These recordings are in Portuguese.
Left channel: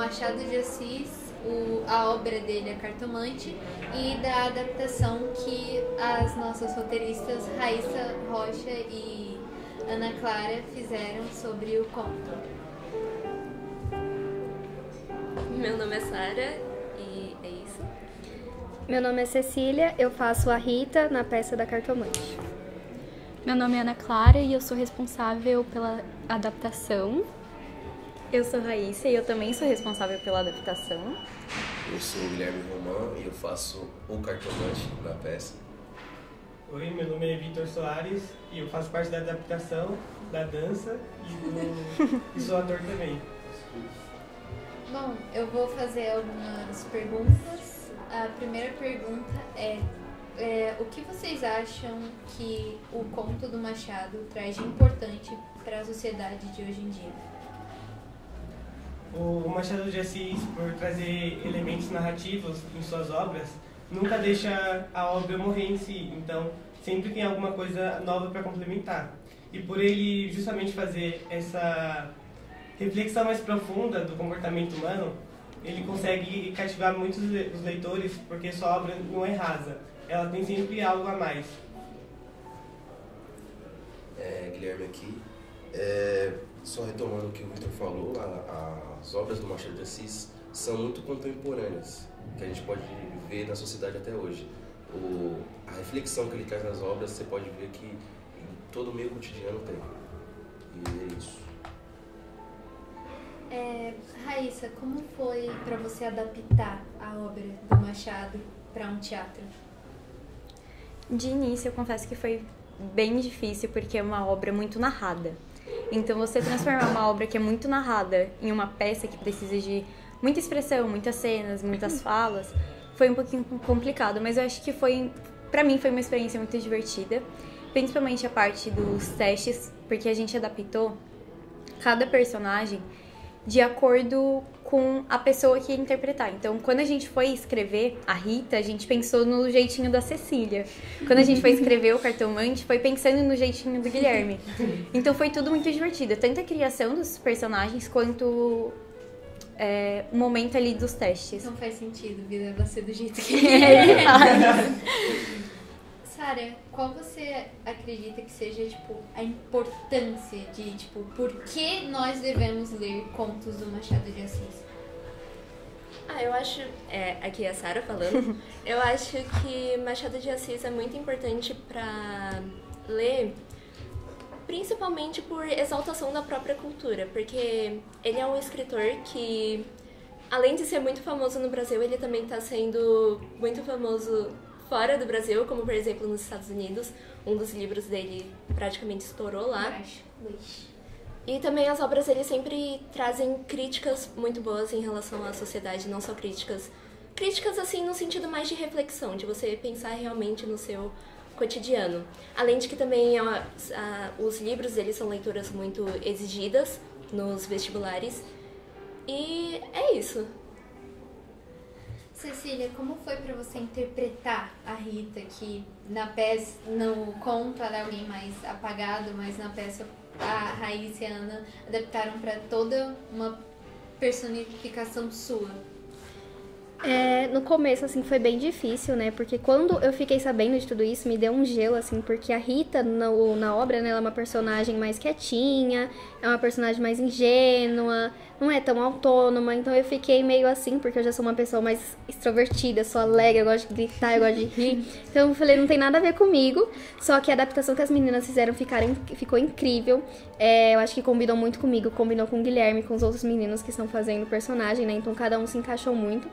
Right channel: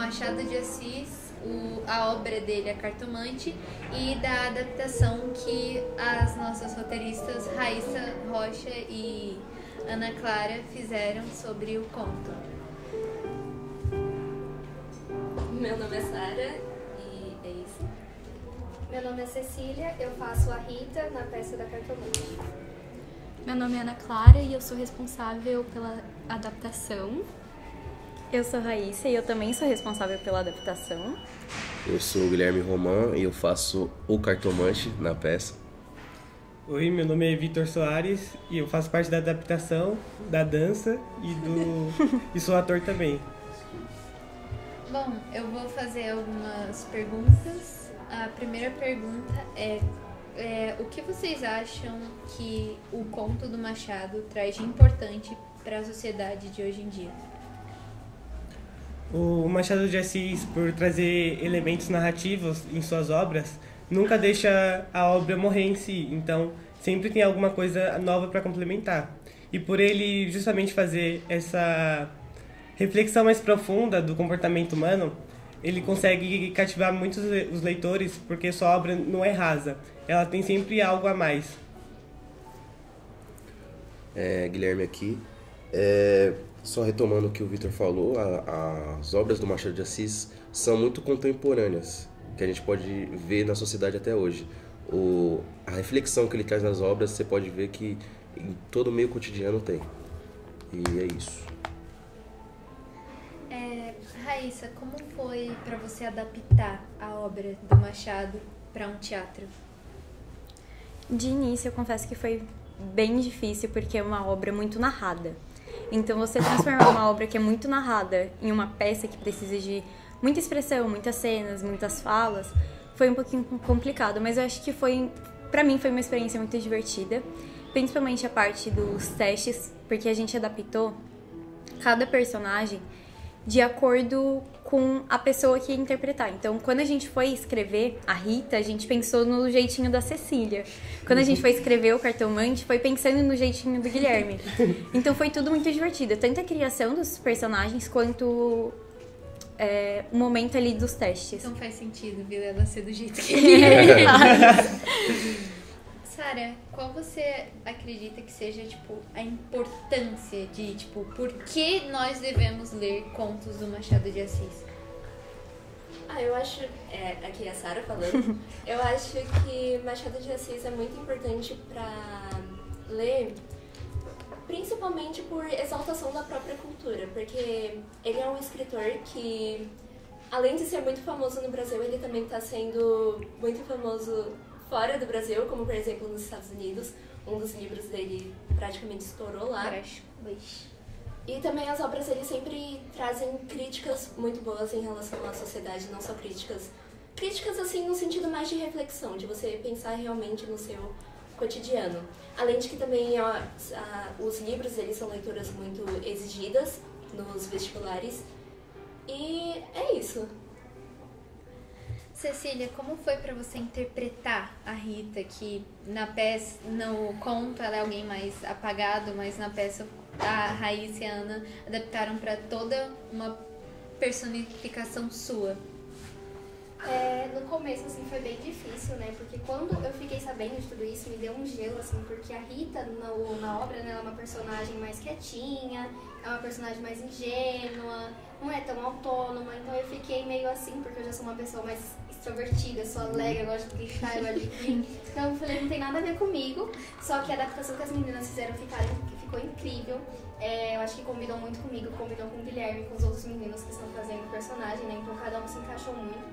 Machado de Assis, a ópera dele, A Cartomante, e da adaptação que as nossas roteiristas Raíssa Rocha e Ana Clara fizeram sobre o conto. Meu nome é Sara e é isso. Meu nome é Cecília, eu faço a Rita na peça da Cartomante. Meu nome é Ana Clara e eu sou responsável pela adaptação. Eu sou Raíssa e eu também sou responsável pela adaptação. Eu sou o Guilherme Roman e eu faço o Cartomante na peça. Oi, meu nome é Vitor Soares e eu faço parte da adaptação, da dança e sou ator também. Bom, eu vou fazer algumas perguntas. A primeira pergunta é o que vocês acham que o conto do Machado traz de importante para a sociedade de hoje em dia? O Machado de Assis, por trazer elementos narrativos em suas obras, nunca deixa a obra morrer em si, então sempre tem alguma coisa nova para complementar. E por ele justamente fazer essa reflexão mais profunda do comportamento humano, ele consegue cativar muitos os leitores, porque sua obra não é rasa, ela tem sempre algo a mais. Guilherme aqui. Só retomando o que o Vitor falou, as obras do Machado de Assis são muito contemporâneas, que a gente pode ver na sociedade até hoje. A reflexão que ele traz nas obras, você pode ver que em todo o meio cotidiano tem. E é isso. Raíssa, como foi para você adaptar a obra do Machado para um teatro? De início, eu confesso que foi bem difícil, porque é uma obra muito narrada. Então, você transformar uma obra que é muito narrada em uma peça que precisa de muita expressão, muitas cenas, muitas falas, foi um pouquinho complicado, mas eu acho que pra mim foi uma experiência muito divertida, principalmente a parte dos testes, porque a gente adaptou cada personagem de acordo com a pessoa que ia interpretar. Então, quando a gente foi escrever a Rita, a gente pensou no jeitinho da Cecília. Quando a gente foi escrever o Cartomante, foi pensando no jeitinho do Guilherme. Então, foi tudo muito divertido. Tanto a criação dos personagens, quanto o momento ali dos testes. Não faz sentido ver ela ser do jeito que Sara, qual você acredita que seja, a importância de, por que nós devemos ler contos do Machado de Assis? Eu acho, aqui é a Sara falando, eu acho que Machado de Assis é muito importante para ler, principalmente por exaltação da própria cultura, porque ele é um escritor que, além de ser muito famoso no Brasil, ele também está sendo muito famoso fora do Brasil, como por exemplo nos Estados Unidos. Um dos livros dele praticamente estourou lá. E também as obras dele sempre trazem críticas muito boas em relação à sociedade, não só críticas assim no sentido mais de reflexão, de você pensar realmente no seu cotidiano. Além de que também os livros dele são leituras muito exigidas nos vestibulares. E é isso. Cecília, como foi para você interpretar a Rita, que na peça, no conto, ela é alguém mais apagado, mas na peça a Raíssa e a Ana adaptaram para toda uma personificação sua? No começo, assim, foi bem difícil, né? Porque quando eu fiquei sabendo de tudo isso, me deu um gelo, assim, porque a Rita, na obra, né, ela é uma personagem mais quietinha, é uma personagem mais ingênua, não é tão autônoma, então eu fiquei meio assim, porque eu já sou uma pessoa mais extrovertida, sou alegre, eu gosto de gritar, eu gosto de rir, então eu falei, não tem nada a ver comigo, só que a adaptação que as meninas fizeram ficou incrível, eu acho que combinou muito comigo, combinou com o Guilherme, com os outros meninos que estão fazendo o personagem, né, então cada um se encaixou muito.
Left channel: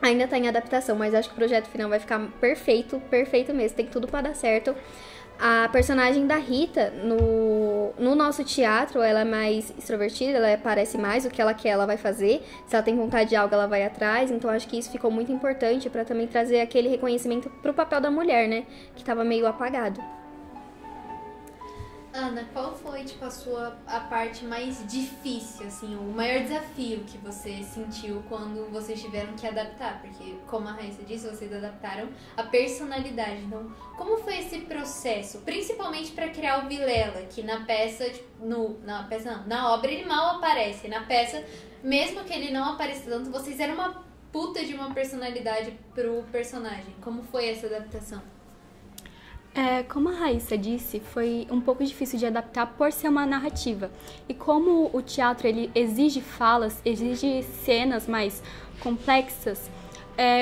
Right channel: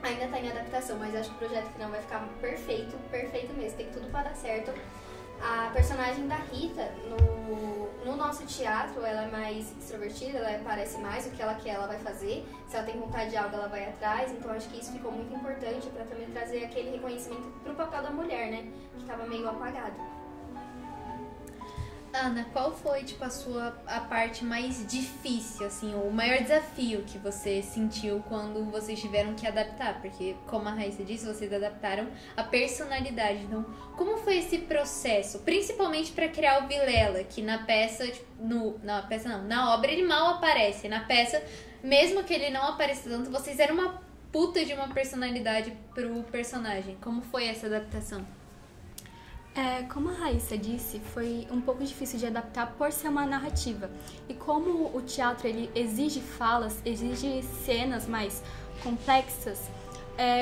Ainda tá em adaptação, mas acho que o projeto final vai ficar perfeito, perfeito mesmo, tem tudo pra dar certo. A personagem da Rita, no nosso teatro, ela é mais extrovertida, ela parece mais o que ela quer, ela vai fazer. Se ela tem vontade de algo, ela vai atrás. Então, acho que isso ficou muito importante pra também trazer aquele reconhecimento pro papel da mulher, né? Que tava meio apagado. Ana, qual foi foi, tipo, a parte mais difícil, assim, o maior desafio que você sentiu quando vocês tiveram que adaptar? Porque, como a Raíssa disse, vocês adaptaram a personalidade. Então, como foi esse processo? Principalmente para criar o Vilela, que na peça, na obra ele mal aparece. Na peça, mesmo que ele não apareça tanto, vocês eram uma puta de uma personalidade pro personagem. Como foi essa adaptação? Como a Raíssa disse, foi um pouco difícil de adaptar por ser uma narrativa. E como o teatro ele exige falas, exige cenas mais complexas,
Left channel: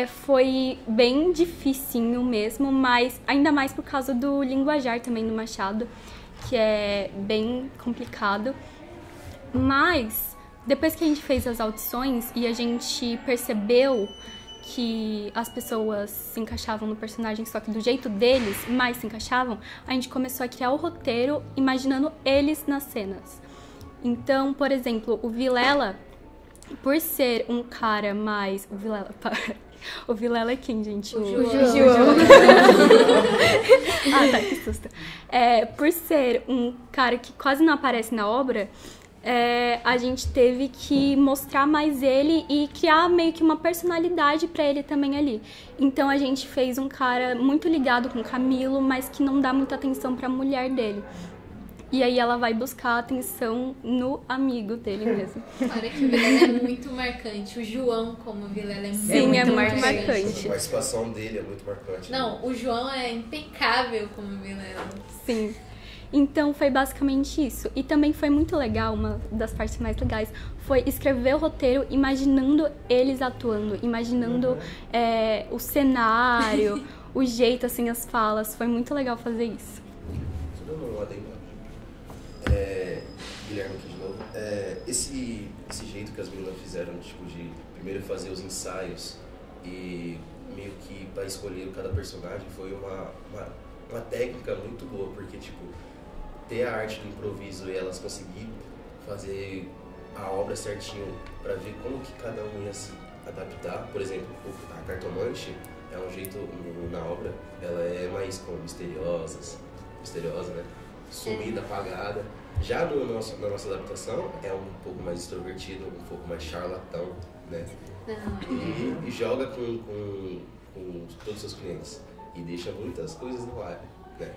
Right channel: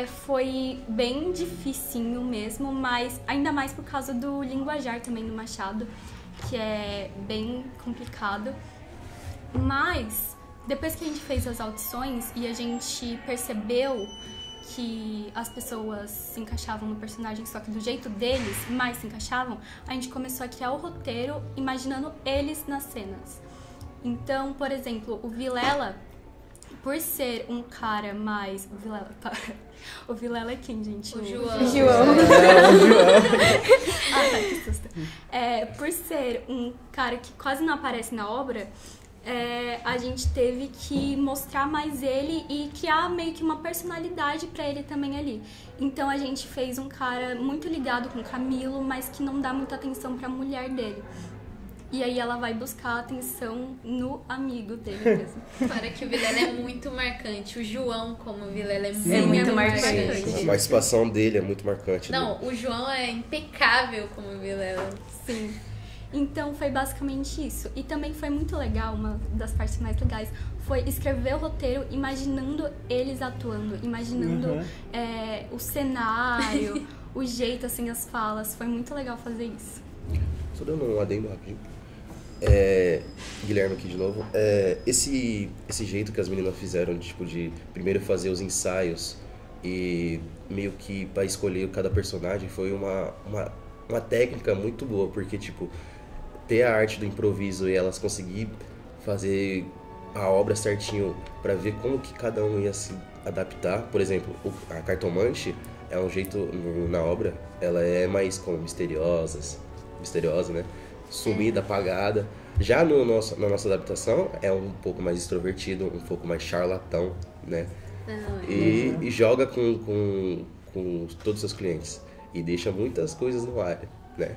foi bem dificinho mesmo, mas ainda mais por causa do linguajar também do Machado, que é bem complicado. Mas depois que a gente fez as audições e a gente percebeu que as pessoas se encaixavam no personagem, só que do jeito deles, mais se encaixavam, a gente começou a criar o roteiro imaginando eles nas cenas. Então, por exemplo, o Vilela, por ser um cara mais... O Vilela é quem, gente? O João. Ah, tá, que susto. Por ser um cara que quase não aparece na obra, a gente teve que mostrar mais ele e criar meio que uma personalidade pra ele também ali. Então a gente fez um cara muito ligado com o Camilo, mas que não dá muita atenção pra mulher dele. E aí ela vai buscar atenção no amigo dele mesmo. Para que o Vilela é muito marcante. O João como Vilela é muito marcante. A participação dele é muito marcante. Não, o João é impecável como Vilela. Sim. Então foi basicamente isso. E também foi muito legal, uma das partes mais legais, foi escrever o roteiro imaginando eles atuando, imaginando o cenário, o jeito, assim, as falas. Foi muito legal fazer isso. Só dando um adendo rapidinho. Guilherme aqui de novo. Esse jeito que as meninas fizeram, tipo, de primeiro fazer os ensaios e meio que para escolher cada personagem, foi uma técnica muito boa, porque, tipo, ter a arte do improviso e elas conseguir fazer a obra certinho para ver como que cada um ia se adaptar. Por exemplo, a cartomante é um jeito, na obra, ela é mais como misteriosa, né? Sumida, apagada. Já na nossa adaptação é um pouco mais extrovertido, um pouco mais charlatão, né? E joga com todos os seus clientes e deixa muitas coisas no ar, né?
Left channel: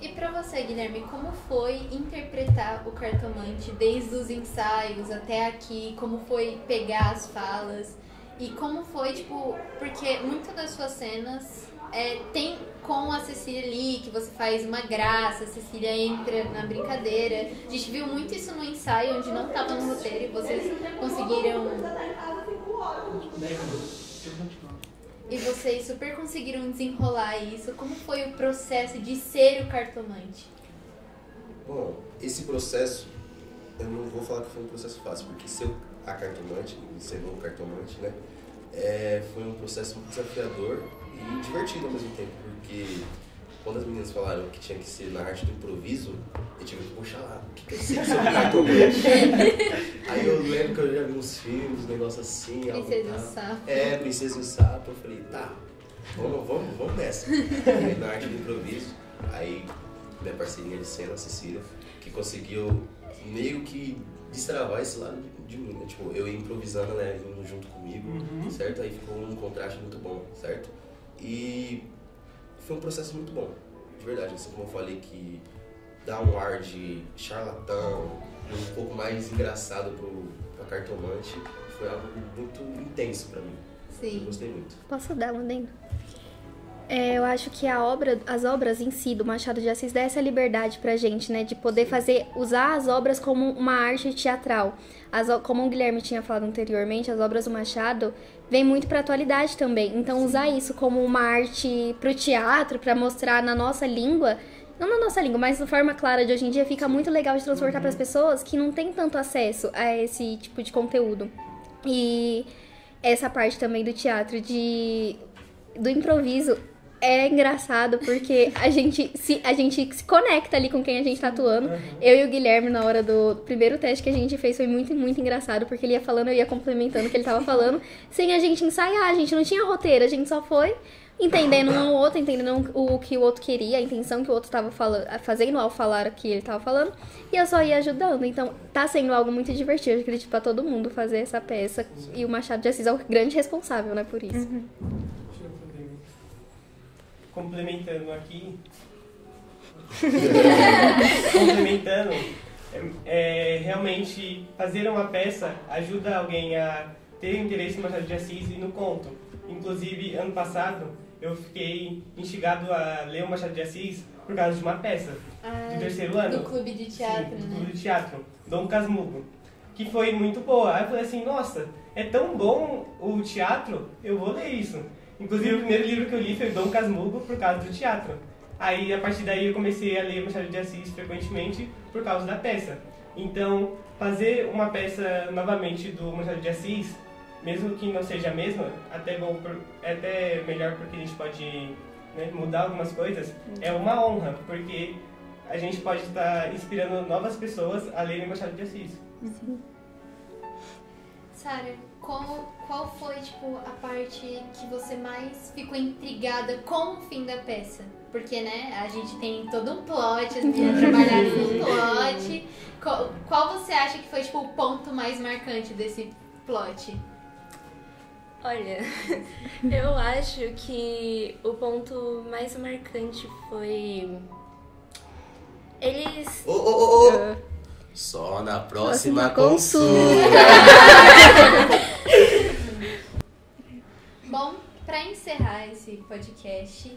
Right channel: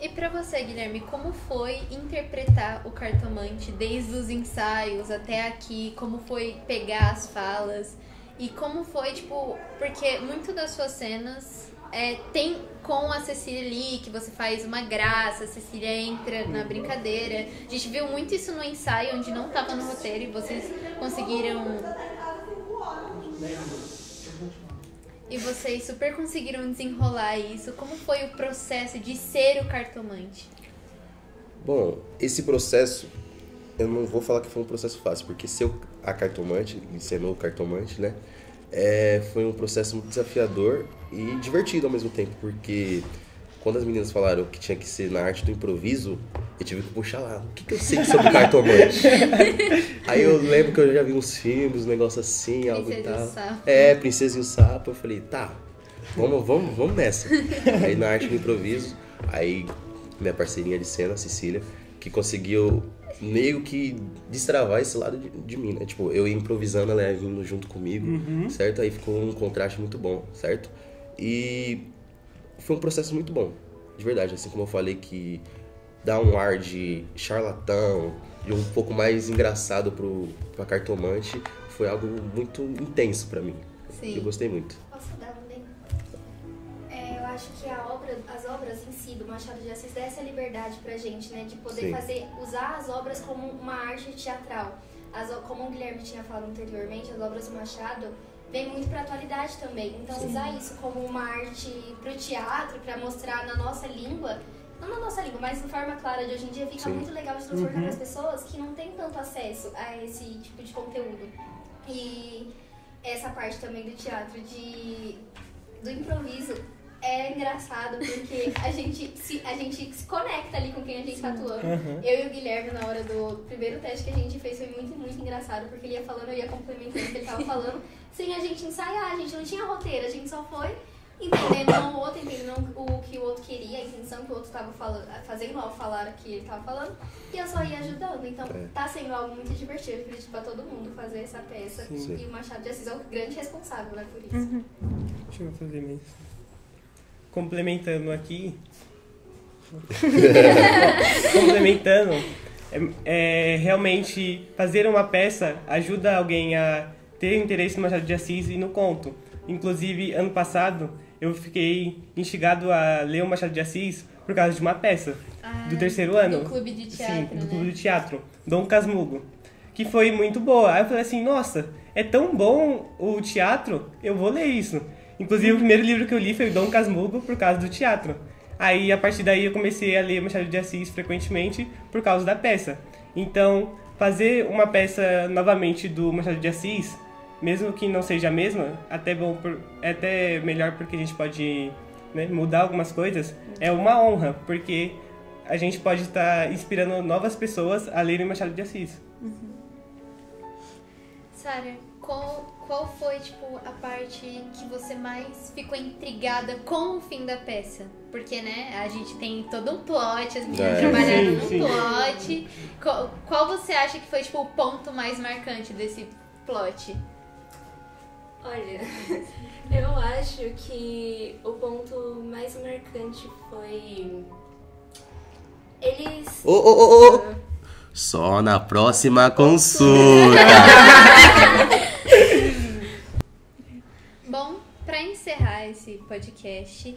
E pra você, Guilherme, como foi interpretar o Cartomante desde os ensaios até aqui? Como foi pegar as falas? E como foi, tipo, porque muitas das suas cenas tem com a Cecília ali, que você faz uma graça, a Cecília entra na brincadeira. A gente viu muito isso no ensaio, onde não estava no roteiro, e vocês conseguiram... E vocês super conseguiram desenrolar isso. Como foi o processo de ser o cartomante? Bom, esse processo, eu não vou falar que foi um processo fácil, porque ser a cartomante, encenou o cartomante, né? Foi um processo muito desafiador e divertido ao mesmo tempo, porque quando as meninas falaram que tinha que ser na arte do improviso, eu tive que puxar lá, o que eu sei sobre cartomante? Aí eu lembro que eu já vi uns filmes, um negócio assim, algo e tal. Princesa e o Sapo. Eu falei, tá, vamos nessa. Aí na arte do improviso, aí minha parceirinha de cena, a Cecília, que conseguiu meio que destravar esse lado de mim, né? Tipo, eu ia improvisando, ela ia indo junto comigo, certo? Aí ficou um contraste muito bom, certo? E foi um processo muito bom, de verdade. Assim como eu falei que dá um ar de charlatão e um pouco mais engraçado pra cartomante, foi algo muito intenso pra mim. Sim. Eu gostei muito. Posso dar um dentro? Eu acho que as obras em si do Machado de Assis dá essa liberdade pra gente, né? De poder usar as obras como uma arte teatral. Como o Guilherme tinha falado anteriormente, as obras do Machado vêm muito pra atualidade também. Então usar isso como uma arte pro teatro, pra mostrar na nossa língua, não na nossa língua, mas de forma clara de hoje em dia, fica muito legal de transportar pras pessoas que não têm tanto acesso a esse tipo de conteúdo. E essa parte também do teatro, do improviso, é engraçado porque a gente se conecta ali com quem a gente tá atuando. Eu e o Guilherme, na hora do primeiro teste que a gente fez, foi muito, muito engraçado, porque ele ia falando, eu ia complementando o que ele tava falando, sem a gente ensaiar, a gente não tinha roteiro, a gente só foi entendendo um ao outro, entendendo o que o outro queria, a intenção que o outro estava fazendo ao falar o que ele estava falando, e eu só ia ajudando. Então, tá sendo algo muito divertido, eu acredito, pra todo mundo fazer essa peça. Sim. E o Machado de Assis é o grande responsável, né, por isso. Deixa eu fazer mesmo. Complementando aqui. Complementando, realmente fazer uma peça ajuda alguém a ter interesse no Machado de Assis e no conto. Inclusive, ano passado, eu fiquei instigado a ler o Machado de Assis por causa de uma peça do terceiro ano. Do clube de teatro, Sim, do né? clube de teatro, Dom Casmurro, que foi muito boa. Aí eu falei assim, nossa, é tão bom o teatro, eu vou ler isso. Inclusive, o primeiro livro que eu li foi o Dom Casmurro por causa do teatro. Aí, a partir daí, eu comecei a ler Machado de Assis frequentemente por causa da peça. Então, fazer uma peça novamente do Machado de Assis, mesmo que não seja a mesma, é até melhor porque a gente pode, né, mudar algumas coisas, é uma honra, porque a gente pode estar inspirando novas pessoas a lerem Machado de Assis. Sara, qual foi, tipo, a parte que você mais ficou intrigada com o fim da peça? Porque, né, a gente tem todo um plot, a gente trabalhar com um plot. Qual você acha que foi, tipo, o ponto mais marcante desse plot? Olha, eu acho que o ponto mais marcante foi... Eles... Só na próxima consulta. Bom, para encerrar esse podcast,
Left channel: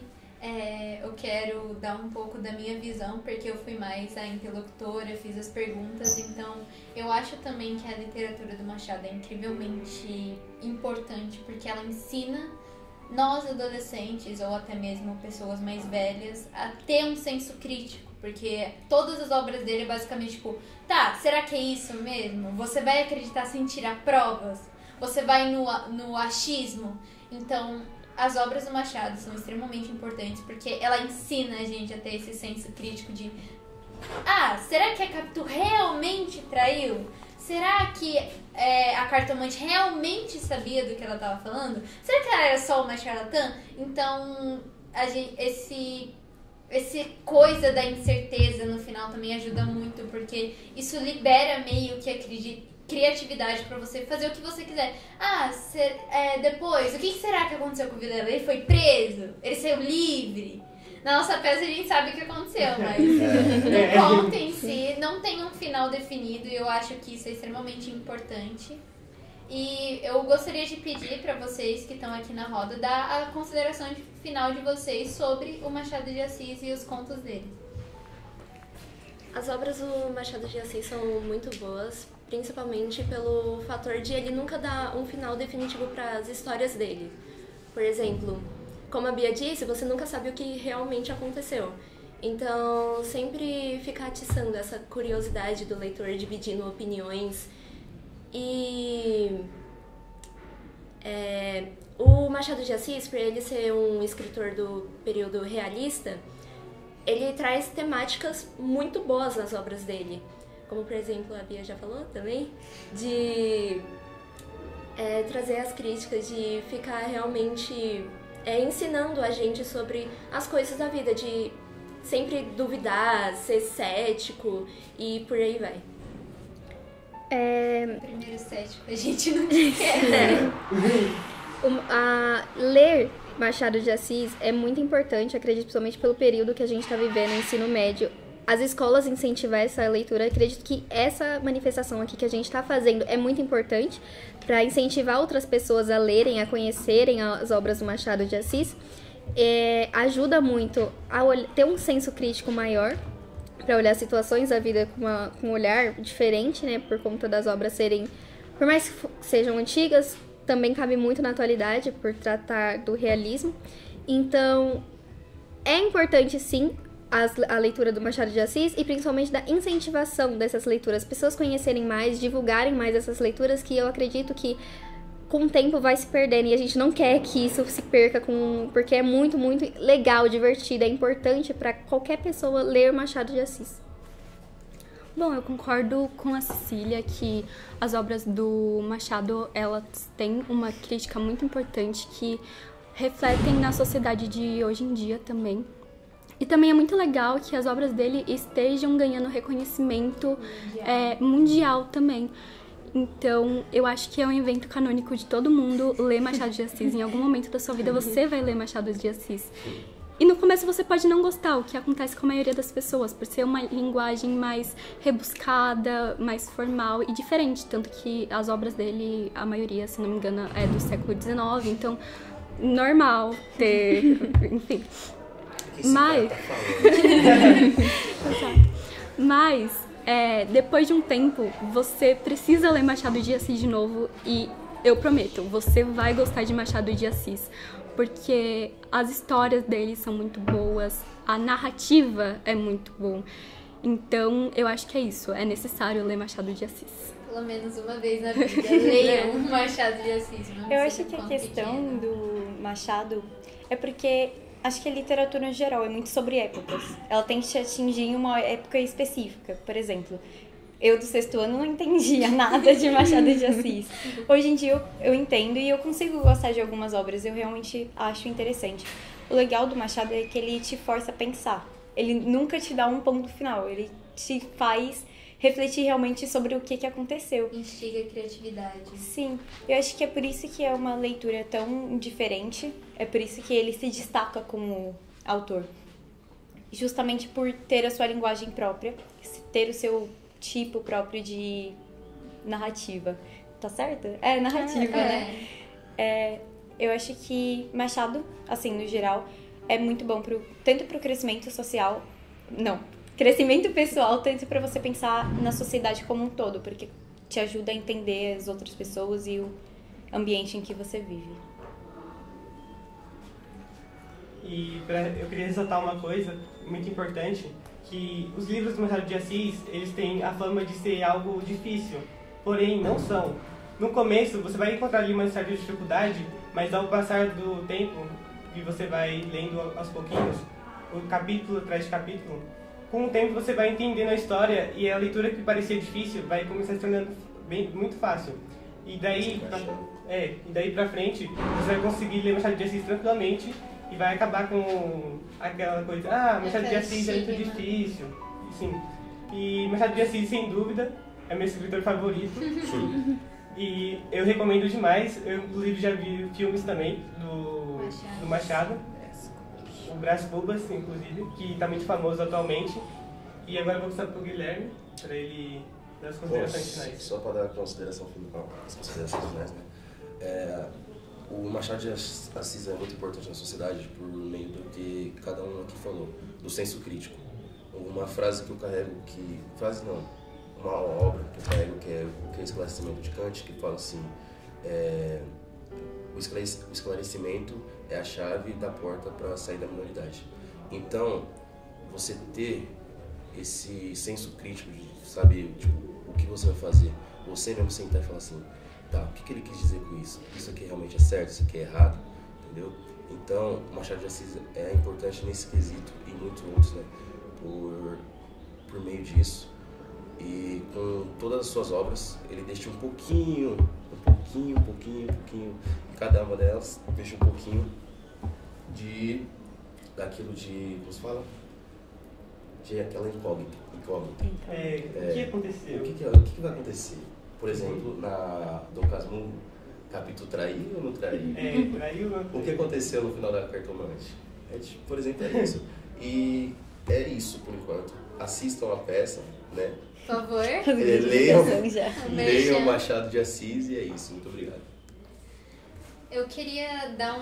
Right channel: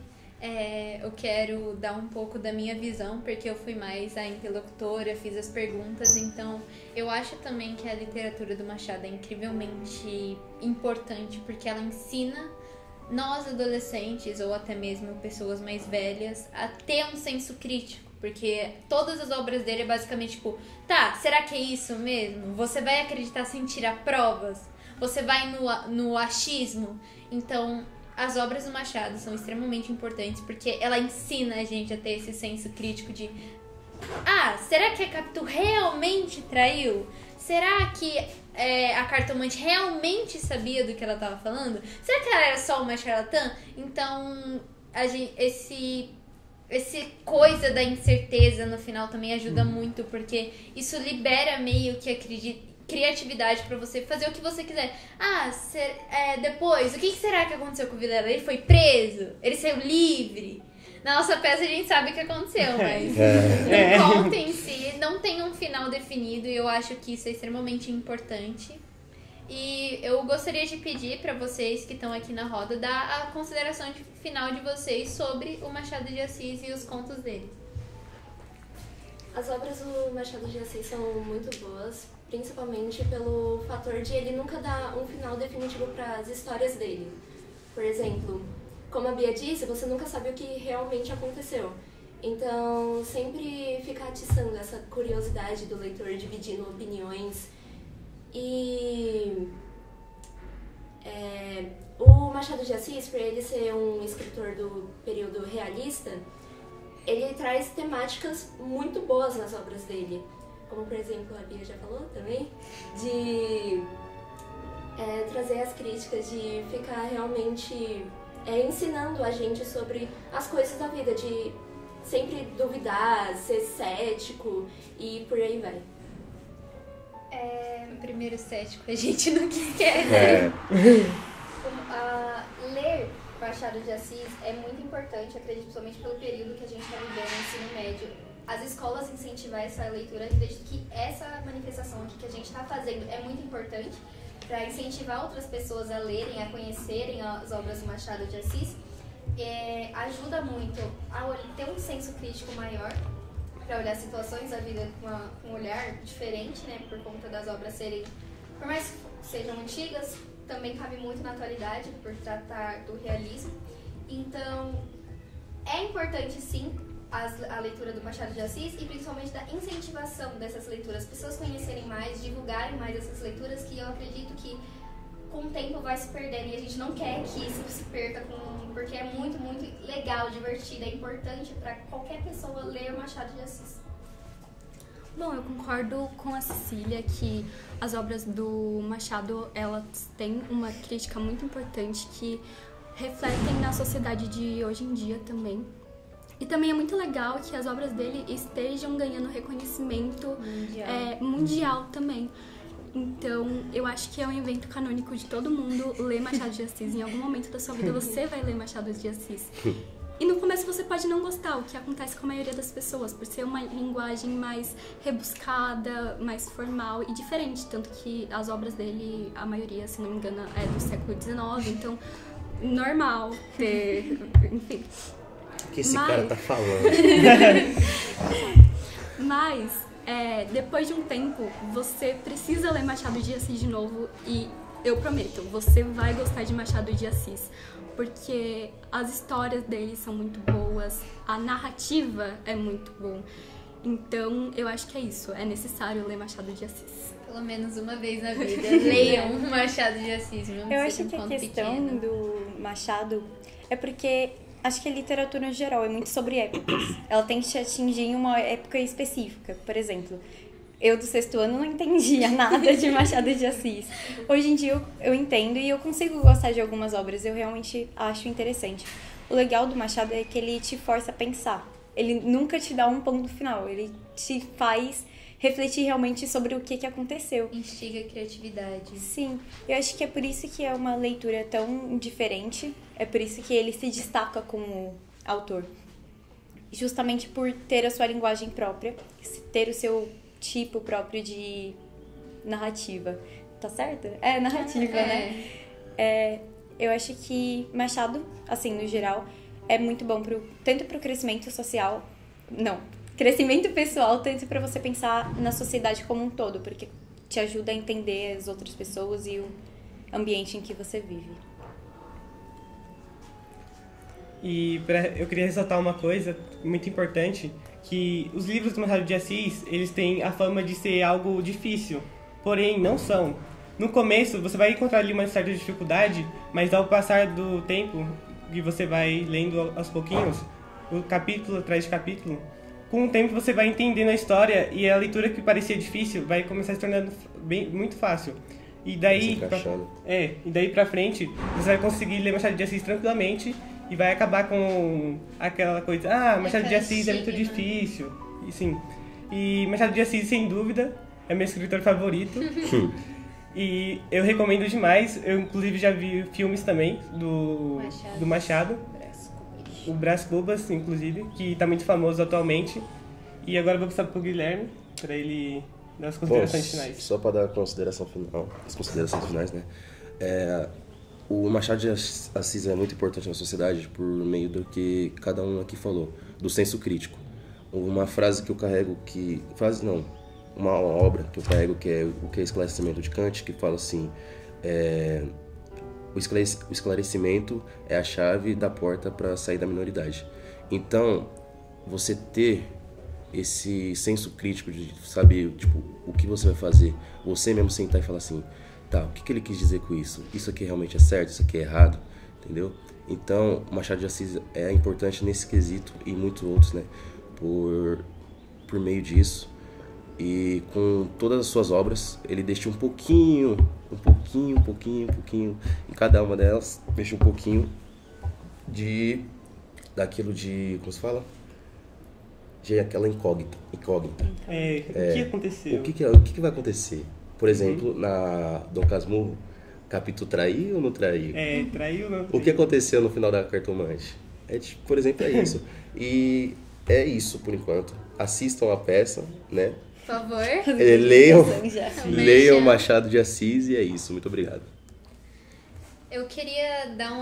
eu quero dar um pouco da minha visão, porque eu fui mais a interlocutora, fiz as perguntas, então eu acho também que a literatura do Machado é incrivelmente importante, porque ela ensina nós adolescentes, ou até mesmo pessoas mais velhas, a ter um senso crítico, porque todas as obras dele é basicamente tipo, tá, será que é isso mesmo? Você vai acreditar sem tirar provas? Você vai no achismo? Então, as obras do Machado são extremamente importantes, porque ela ensina a gente a ter esse senso crítico de será que a Capitu realmente traiu? Será que a cartomante realmente sabia do que ela estava falando? Será que ela era só uma charlatã? Então, esse coisa da incerteza no final também ajuda muito, porque isso libera meio que a criatividade pra você fazer o que você quiser. Depois, o que será que aconteceu com a vida dela? Ele foi preso? Ele saiu livre? Na nossa peça a gente sabe o que aconteceu, mas o conto em si não tem um final definido, e eu acho que isso é extremamente importante. E eu gostaria de pedir para vocês que estão aqui na roda dar a consideração final de vocês sobre o Machado de Assis e os contos dele. As obras do Machado de Assis são muito boas, principalmente pelo fator de ele nunca dar um final definitivo para as histórias dele. Por exemplo, como a Bia disse, você nunca sabe o que realmente aconteceu. Então, sempre ficar atiçando essa curiosidade do leitor, dividindo opiniões. E o Machado de Assis, por ele ser um escritor do período realista, ele traz temáticas muito boas nas obras dele. Como, por exemplo, a Bia já falou também, de trazer as críticas, de ficar realmente ensinando a gente sobre as coisas da vida, de sempre duvidar, ser cético e por aí vai. Primeiro cético a gente não quer. Ler Machado de Assis é muito importante, acredito, principalmente pelo período que a gente está vivendo no ensino médio. As escolas incentivar essa leitura, acredito que essa manifestação aqui que a gente está fazendo é muito importante para incentivar outras pessoas a lerem, a conhecerem as obras do Machado de Assis. Ajuda muito a ter um senso crítico maior, para olhar situações da vida com um olhar diferente, né, por conta das obras serem, por mais que sejam antigas, também cabe muito na atualidade, por tratar do realismo. Então, é importante, sim, a leitura do Machado de Assis e principalmente da incentivação dessas leituras, pessoas conhecerem mais, divulgarem mais essas leituras, que eu acredito que com o tempo vai se perdendo e a gente não quer que isso se perca, porque é muito, muito legal, divertido, é importante para qualquer pessoa ler Machado de Assis. Bom, eu concordo com a Cecília que as obras do Machado, elas têm uma crítica muito importante, que refletem na sociedade de hoje em dia também. E também é muito legal que as obras dele estejam ganhando reconhecimento mundial também. Então, eu acho que é um evento canônico de todo mundo ler Machado de Assis. Em algum momento da sua vida você vai ler Machado de Assis. E no começo você pode não gostar, o que acontece com a maioria das pessoas, por ser uma linguagem mais rebuscada, mais formal e diferente. Tanto que as obras dele, a maioria, se não me engano, é do século XIX. Então, normal ter... enfim. O que esse cara tá falando? Mas, depois de um tempo, você precisa ler Machado de Assis de novo e eu prometo, você vai gostar de Machado de Assis, porque as histórias dele são muito boas, a narrativa é muito boa. Então, eu acho que é isso, é necessário ler Machado de Assis. Pelo menos uma vez na vida, leiam um Machado de Assis. Eu acho que a questão do Machado é porque acho que a literatura em geral é muito sobre épocas. Ela tem que te atingir em uma época específica. Por exemplo, eu do 6º ano não entendia nada de Machado de Assis. Hoje em dia eu entendo e eu consigo gostar de algumas obras. Eu realmente acho interessante. O legal do Machado é que ele te força a pensar. Ele nunca te dá um ponto final. Ele te faz refletir realmente sobre o que aconteceu. Instiga a criatividade. Sim, eu acho que é por isso que é uma leitura tão diferente, é por isso que ele se destaca como autor. Justamente por ter a sua linguagem própria, ter o seu tipo próprio de narrativa. Tá certo? É, narrativa, né? Eu acho que Machado, assim, no geral, é muito bom tanto pro crescimento social... crescimento pessoal, tanto para você pensar na sociedade como um todo, porque te ajuda a entender as outras pessoas e o ambiente em que você vive. E eu queria ressaltar uma coisa muito importante, que os livros do Machado de Assis, eles têm a fama de ser algo difícil, porém não são. No começo você vai encontrar ali uma certa dificuldade, mas ao passar do tempo, e você vai lendo aos pouquinhos, o capítulo atrás de capítulo, com o tempo você vai entendendo a história e a leitura que parecia difícil vai começar a se tornando muito fácil. E daí pra frente você vai conseguir ler Machado de Assis tranquilamente e vai acabar com aquela coisa, Machado de Assis é muito difícil. E sim. E Machado de Assis, sem dúvida, é meu escritor favorito. E eu recomendo demais. Eu inclusive já vi filmes também do Machado. O Brás Cubas, inclusive, que está muito famoso atualmente. E agora eu vou passar pro Guilherme, para ele dar as considerações finais. Só para dar as considerações finais, né? O Machado de Assis é muito importante na sociedade por meio do que cada um aqui falou, do senso crítico. Uma frase que eu carrego uma obra que eu carrego que é o Esclarecimento de Kant, que fala assim... O esclarecimento é a chave da porta para sair da minoridade. Então, você ter esse senso crítico de saber o que você vai fazer, você mesmo sentar e falar assim, tá, o que ele quis dizer com isso? Isso aqui realmente é certo, isso aqui é errado, entendeu? Então, o Machado de Assis é importante nesse quesito e muitos outros, né? Por meio disso. E com todas as suas obras, ele deixa um pouquinho, em cada uma delas, deixa um pouquinho daquilo de, como se fala? De aquela incógnita. O que aconteceu? O que vai acontecer? Por exemplo, na Dom Casmurro, capítulo traiu ou não traiu? Traiu ou não traiu? O que aconteceu no final da Cartomante? Por exemplo, é isso. E é isso, por enquanto. Assistam a peça, né? Por favor. Leiam Machado de Assis e é isso. Muito obrigado. Eu queria dar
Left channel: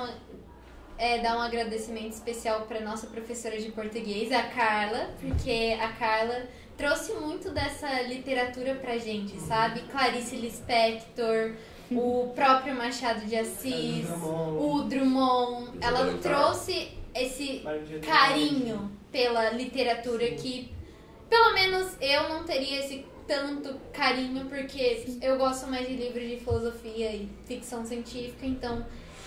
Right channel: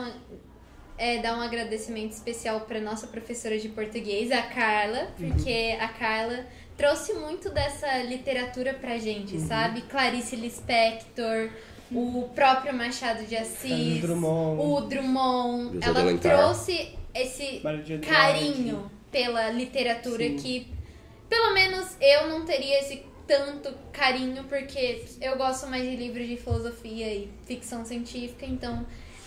um agradecimento especial para nossa professora de português, a Carla, porque a Carla trouxe muito dessa literatura pra gente, sabe? Clarice Lispector, o próprio Machado de Assis, o Drummond. Ela trouxe esse carinho pela literatura que, pelo menos, eu não teria esse tanto carinho, porque eu gosto mais de livros de filosofia e ficção científica, então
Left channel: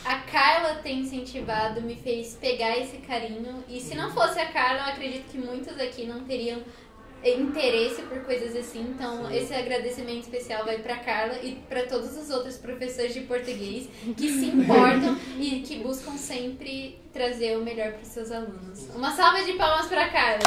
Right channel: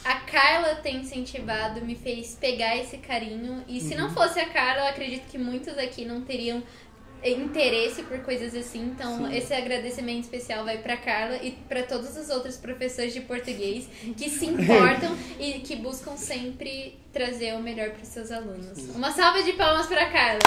a Carla ter incentivado me fez pegar esse carinho, e se não fosse a Carla, eu acredito que muitos aqui não teriam interesse por coisas assim. Então, esse agradecimento especial vai para Carla e para todos os outros professores de português que se importam e que buscam sempre trazer o melhor para os seus alunos. Uma salva de palmas para Carla!